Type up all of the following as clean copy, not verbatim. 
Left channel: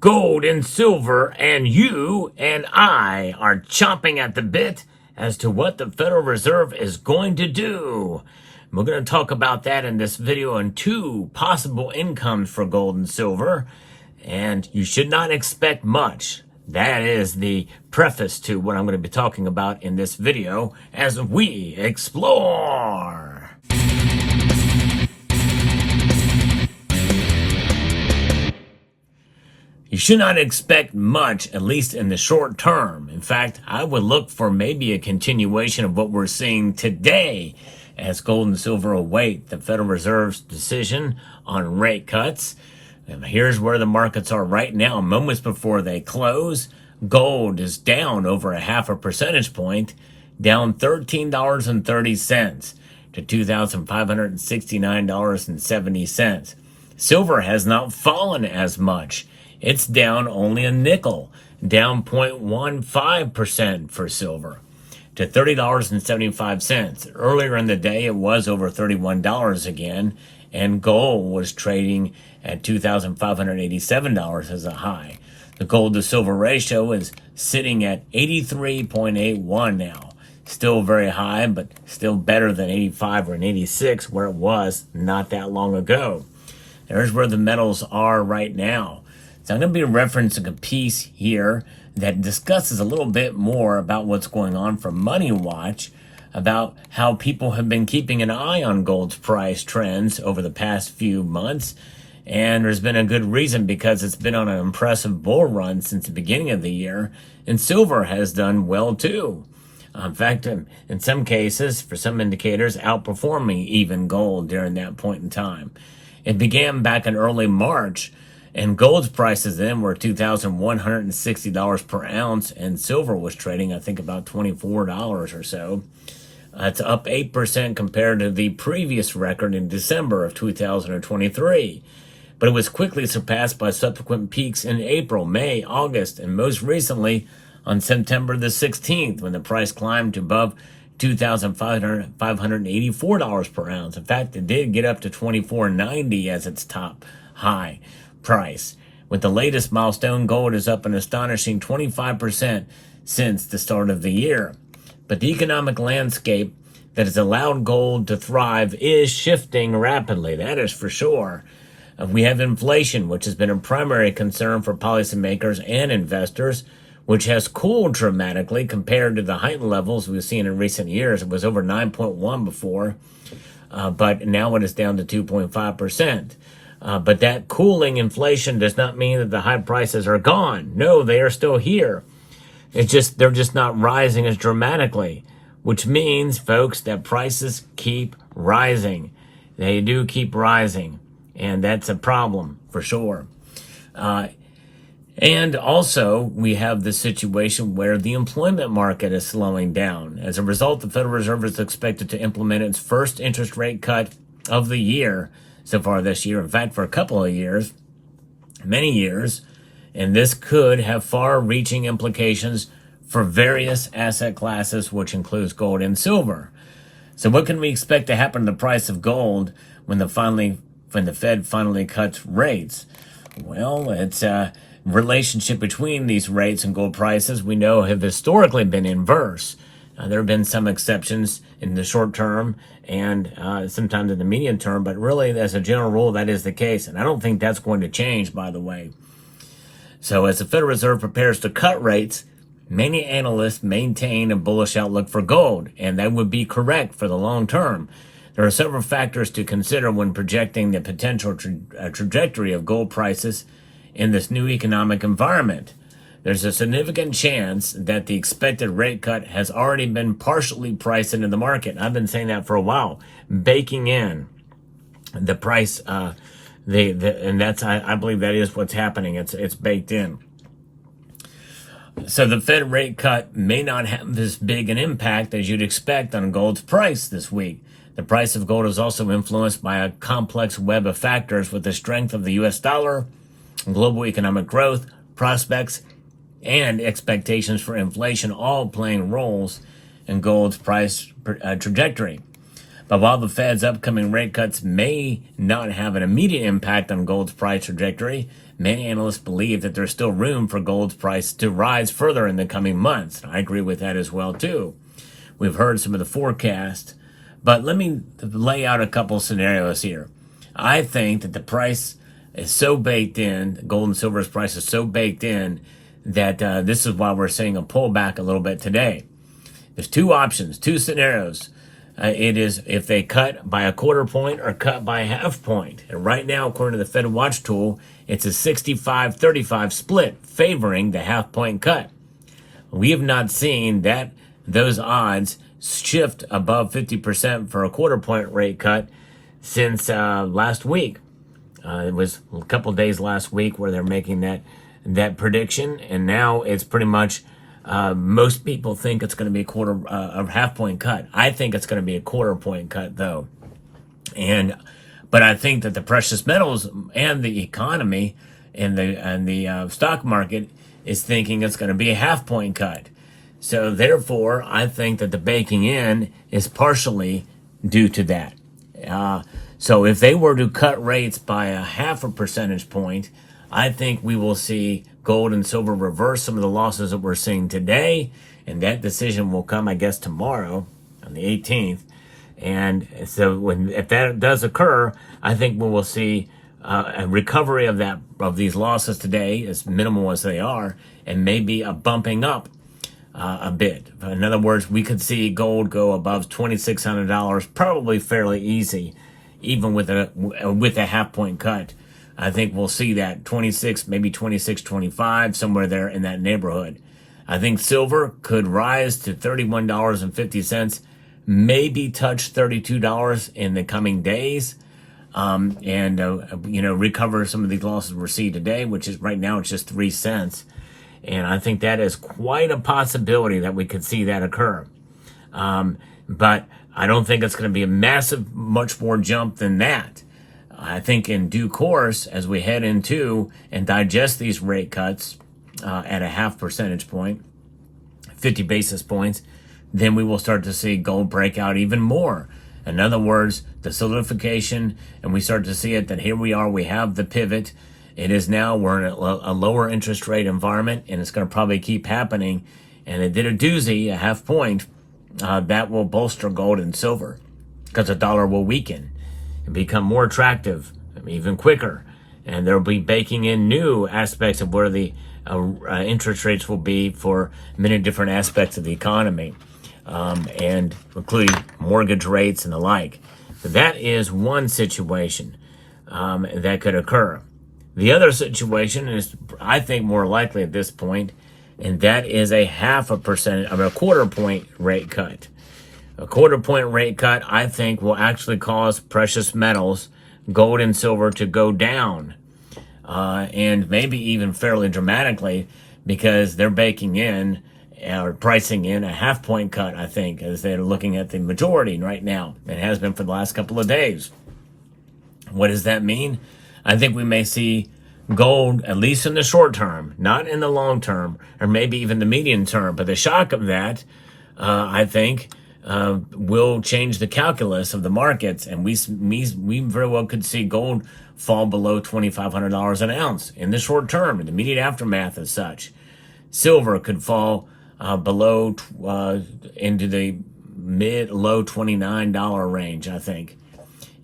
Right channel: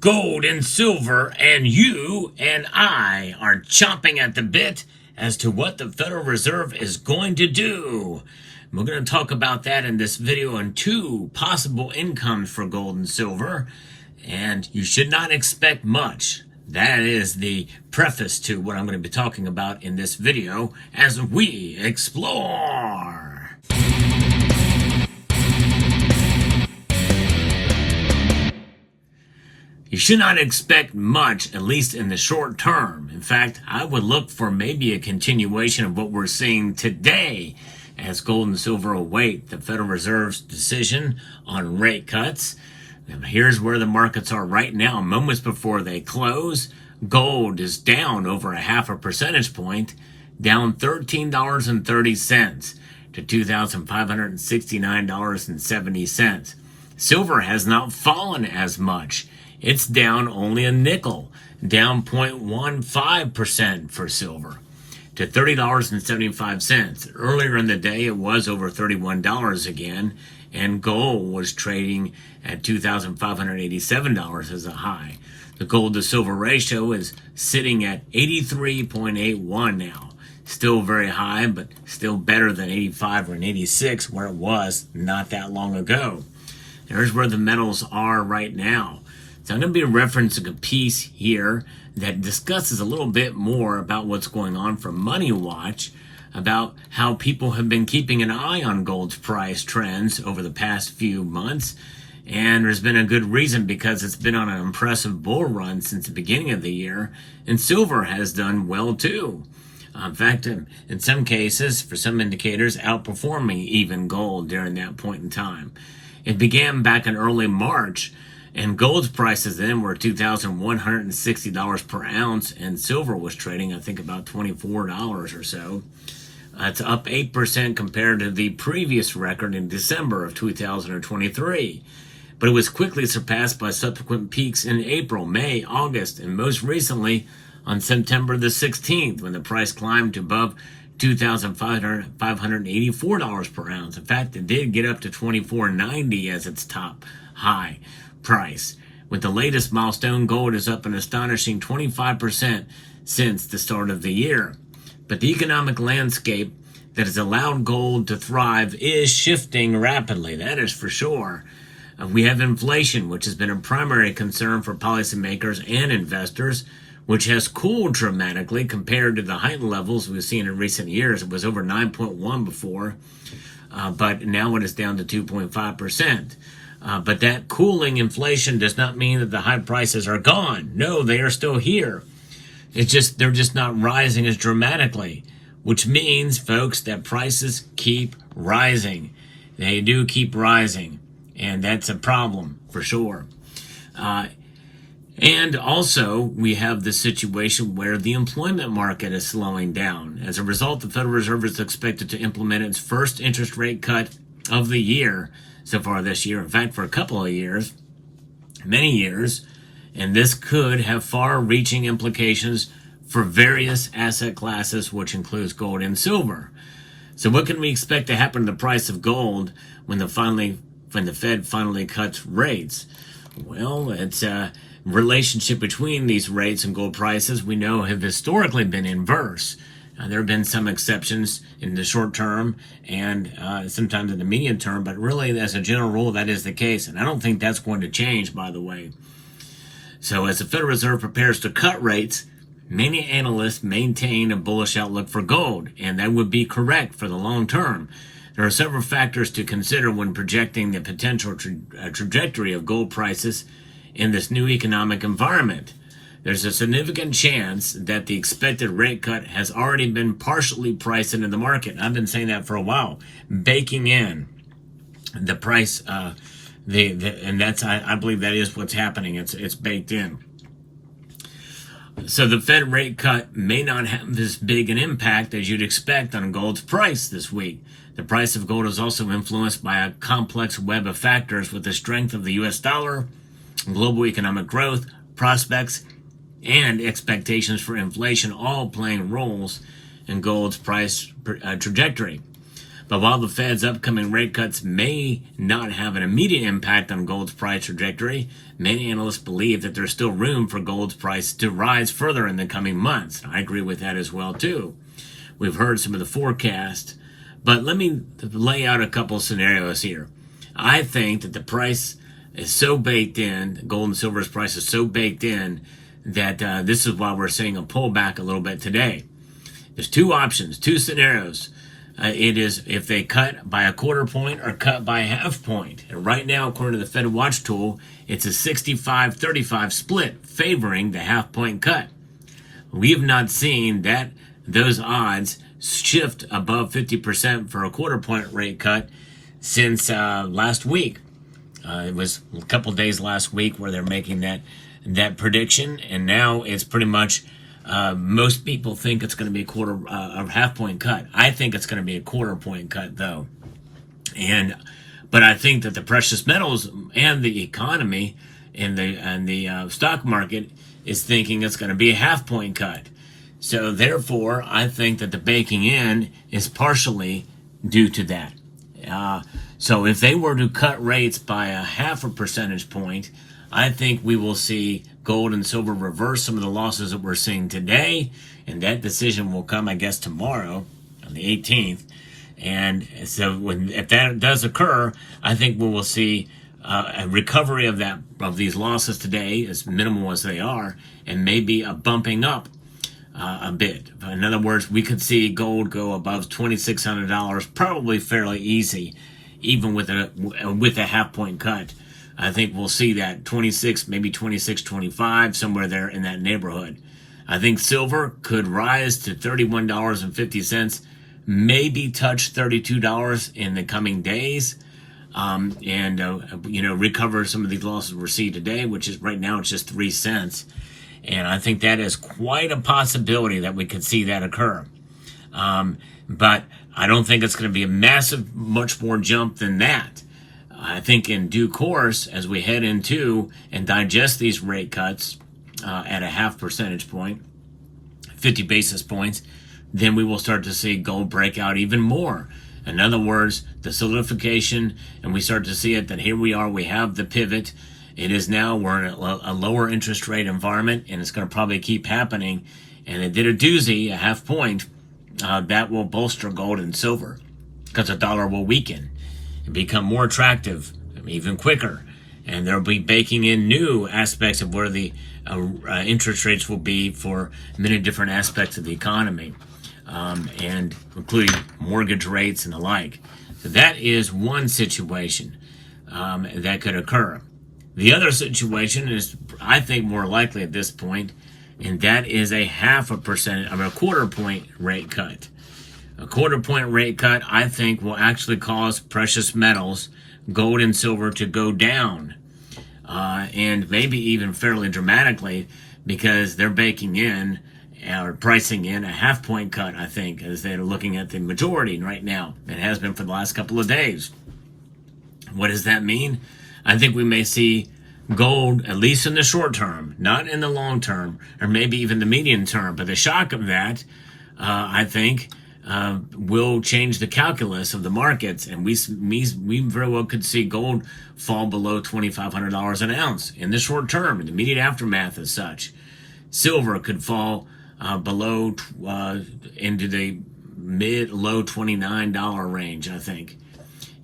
Gold and silver, and you and I are chomping at the bit as to what the Federal Reserve is going to do. We're going to talk about that in this video and two possible incomes for gold and silver, and you should not expect much. That is the preface to what I'm going to be talking about in this video as we explore. You should not expect much, at least in the short term. In fact, I would look for maybe a continuation of what we're seeing today as gold and silver await the Federal Reserve's decision on rate cuts. And here's where the markets are right now, moments before they close. Gold is down over a half a percentage point, down $13.30 to $2,569.70. Silver has not fallen as much. It's down only a nickel, down 0.15% for silver to $30.75. Earlier in the day, it was over $31 again, and gold was trading at $2,587 as a high. The gold to silver ratio is sitting at 83.81 now. Still very high, but still better than 85 or 86 where it was not that long ago. There's where the metals are right now. So I'm going to be referencing a piece here that discusses a little bit more about what's going on from Money Watch, about how people have been keeping an eye on gold's price trends over the past few months. And there's been a good reason, because it's been on an impressive bull run since the beginning of the year. And silver has done well too. In fact, in some cases, for some indicators, outperforming even gold during that point in time. It began back in early March, and gold's prices then were $2,160 per ounce, and silver was trading, I think, about $24 or so. It's up 8% compared to the previous record in December of 2023. But it was quickly surpassed by subsequent peaks in April, May, August, and most recently on September the 16th, when the price climbed to above $2,584 per ounce. In fact, it did get up to $24.90 as its top high price. With the latest milestone, gold is up an astonishing 25% since the start of the year. But the economic landscape that has allowed gold to thrive is shifting rapidly, that is for sure. We have inflation, which has been a primary concern for policymakers and investors, which has cooled dramatically compared to the heightened levels we've seen in recent years. It was over 9.1 before, but now it is down to 2.5%. But that cooling inflation does not mean that the high prices are gone. No, they are still here. They're just not rising as dramatically, which means, folks, that prices keep rising. They do keep rising, and that's a problem for sure. And also, we have the situation where the employment market is slowing down. As a result, the Federal Reserve is expected to implement its first interest rate cut of the year so far this year. In fact, for a couple of years, many years, and this could have far-reaching implications for various asset classes, which includes gold and silver. So what can we expect to happen to the price of gold when the Fed finally cuts rates? Well, it's a relationship between these rates and gold prices we know have historically been inverse. There have been some exceptions in the short term and sometimes in the medium term, but really, as a general rule, that is the case. And I don't think that's going to change, by the way. So as the Federal Reserve prepares to cut rates, many analysts maintain a bullish outlook for gold, and that would be correct for the long term. There are several factors to consider when projecting the potential trajectory of gold prices in this new economic environment. There's a significant chance that the expected rate cut has already been partially priced into the market. I've been saying that for a while, baking in the price, and that's I believe that is what's happening. It's baked in. So the Fed rate cut may not have this big an impact as you'd expect on gold's price this week. The price of gold is also influenced by a complex web of factors, with the strength of the U.S. dollar, global economic growth, prospects, and expectations for inflation all playing roles in gold's price trajectory. But while the Fed's upcoming rate cuts may not have an immediate impact on gold's price trajectory, many analysts believe that there's still room for gold's price to rise further in the coming months. I agree with that as well, too. We've heard some of the forecast, but let me lay out a couple scenarios here. I think that the price is so baked in, gold and silver's price is so baked in, that this is why we're seeing a pullback a little bit today. There's two options, two scenarios. It is if they cut by a quarter point or cut by a half point. And right now, according to the Fed Watch tool, it's a 65-35 split favoring the half point cut. We have not seen those odds shift above 50% for a quarter point rate cut since last week. It was a couple days last week where they're making that prediction, and now it's pretty much most people think it's going to be a half point cut. I think it's going to be a quarter point cut, though. But I think that the precious metals and the economy and the stock market is thinking it's going to be a half point cut. So therefore, I think that the baking in is partially due to that. So if they were to cut rates by a half a percentage point, I think we will see gold and silver reverse some of the losses that we're seeing today, and that decision will come, I guess, tomorrow on the 18th. And so if that does occur, I think we will see a recovery of these losses today, as minimal as they are, and maybe a bumping up a bit. In other words, we could see gold go above $2,600, probably fairly easy, even with a half point cut. I think we'll see that 26, maybe 26.25, somewhere there in that neighborhood. I think silver could rise to $31.50, maybe touch $32 in the coming days, and recover some of these losses we're seeing today, which is right now it's just 3 cents. And I think that is quite a possibility that we could see that occur. But I don't think it's going to be a massive, much more jump than that. I think in due course, as we head into and digest these rate cuts at a half percentage point, 50 basis points, then we will start to see gold break out even more. In other words, the solidification, and we start to see it that here we are, we have the pivot. It is now, we're in a lower interest rate environment, and it's going to probably keep happening. And it did a doozy, a half point, that will bolster gold and silver because the dollar will weaken and become more attractive even quicker. And they'll be baking in new aspects of where the interest rates will be for many different aspects of the economy, and including mortgage rates and the like. So that is one situation that could occur. The other situation is, I think, more likely at this point, and that is a quarter point rate cut. A quarter point rate cut, I think, will actually cause precious metals, gold and silver, to go down, and maybe even fairly dramatically, because they're baking in or pricing in a half point cut, I think, as they're looking at the majority right now. It has been for the last couple of days. What does that mean? I think we may see gold, at least in the short term, not in the long term, or maybe even the medium term. But the shock of that, I think, will change the calculus of the markets. And we very well could see gold fall below $2,500 an ounce in the short term, in the immediate aftermath as such. Silver could fall below into the mid-low $29 range, I think.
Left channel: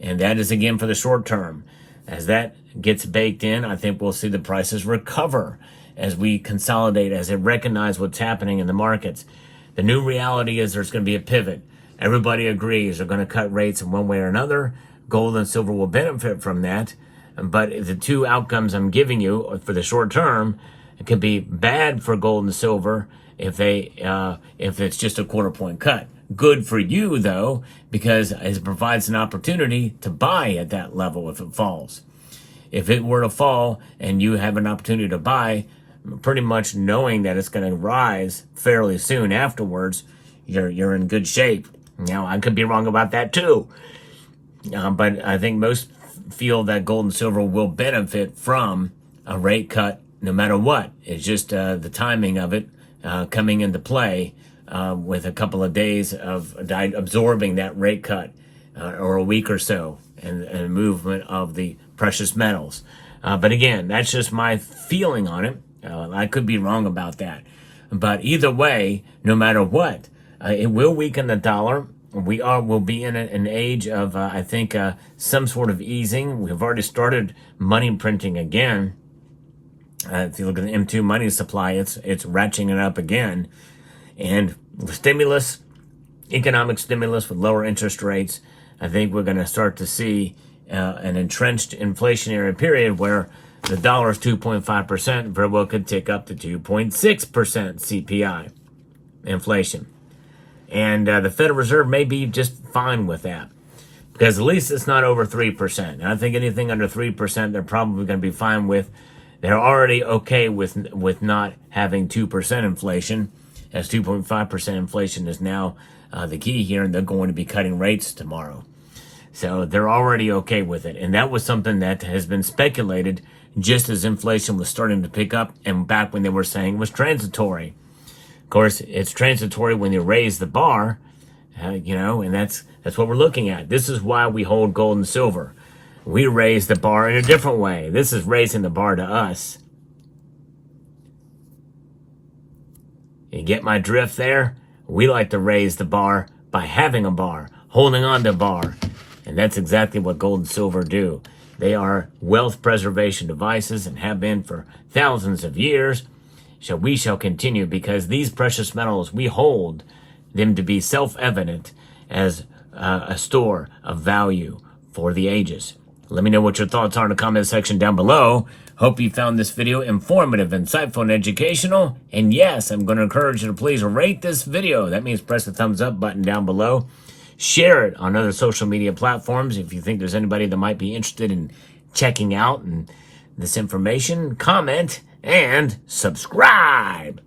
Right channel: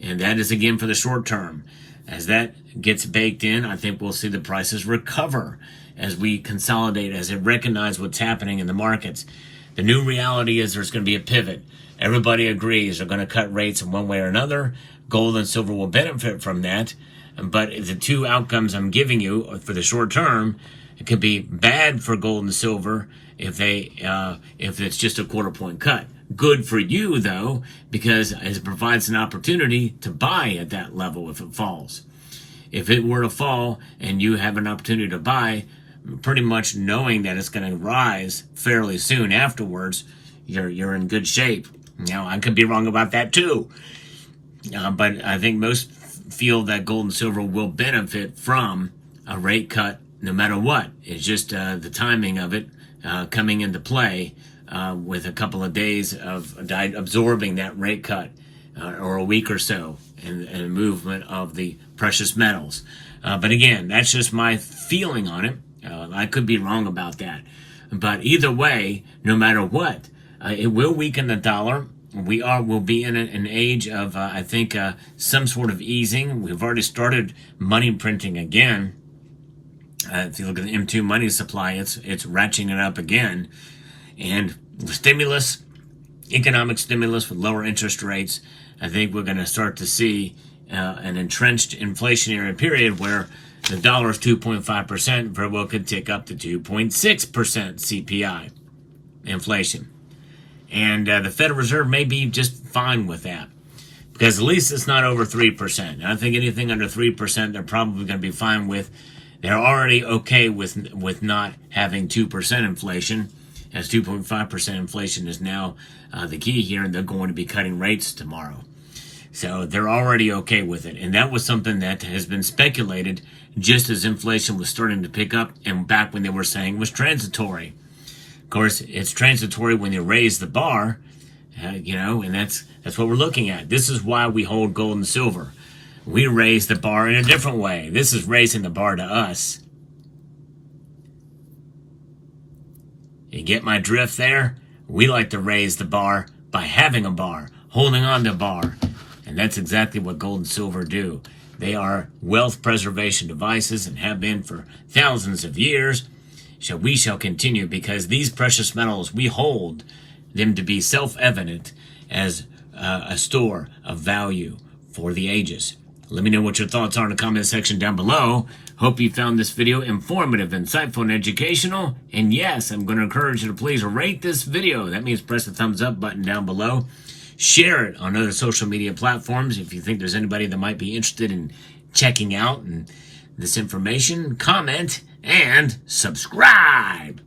And that is, again, for the short term. As that gets baked in, I think we'll see the prices recover as we consolidate, as they recognize what's happening in the markets. The new reality is there's going to be a pivot. Everybody agrees they're going to cut rates in one way or another. Gold and silver will benefit from that. But the two outcomes I'm giving you for the short term, it could be bad for gold and silver if it's just a quarter point cut. Good for you, though, because it provides an opportunity to buy at that level if it falls. If it were to fall and you have an opportunity to buy, pretty much knowing that it's going to rise fairly soon afterwards, you're in good shape. Now, I could be wrong about that too, but I think most feel that gold and silver will benefit from a rate cut no matter what. It's just the timing of it coming into play with a couple of days of absorbing that rate cut or a week or so, and movement of the precious metals. But again, that's just my feeling on it. I could be wrong about that. But either way, no matter what, it will weaken the dollar. We'll be in an age of, I think, some sort of easing. We've already started money printing again. If you look at the M2 money supply, it's ratcheting it up again. And stimulus, economic stimulus with lower interest rates, I think we're going to start to see an entrenched inflationary period where the dollar is 2.5%, very well could tick up to 2.6% CPI inflation. And the Federal Reserve may be just fine with that, because at least it's not over 3%. And I think anything under 3%, they're probably going to be fine with. They're already okay with not having 2% inflation, as 2.5% inflation is now the key here, and they're going to be cutting rates tomorrow. So they're already okay with it. And that was something that has been speculated just as inflation was starting to pick up, and back when they were saying it was transitory. Of course, it's transitory when you raise the bar, and that's what we're looking at. This is why we hold gold and silver. We raise the bar in a different way. This is raising the bar to us. You get my drift there? We like to raise the bar by having a bar, holding on to a bar. And that's exactly what gold and silver do. They are wealth preservation devices and have been for thousands of years. So we shall continue, because these precious metals, we hold them to be self-evident as a store of value for the ages. Let me know what your thoughts are in the comment section down below. Hope you found this video informative, insightful, and educational. And yes, I'm going to encourage you to please rate this video. That means press the thumbs up button down below. Share it on other social media platforms if you think there's anybody that might be interested in checking out this information. Comment and subscribe.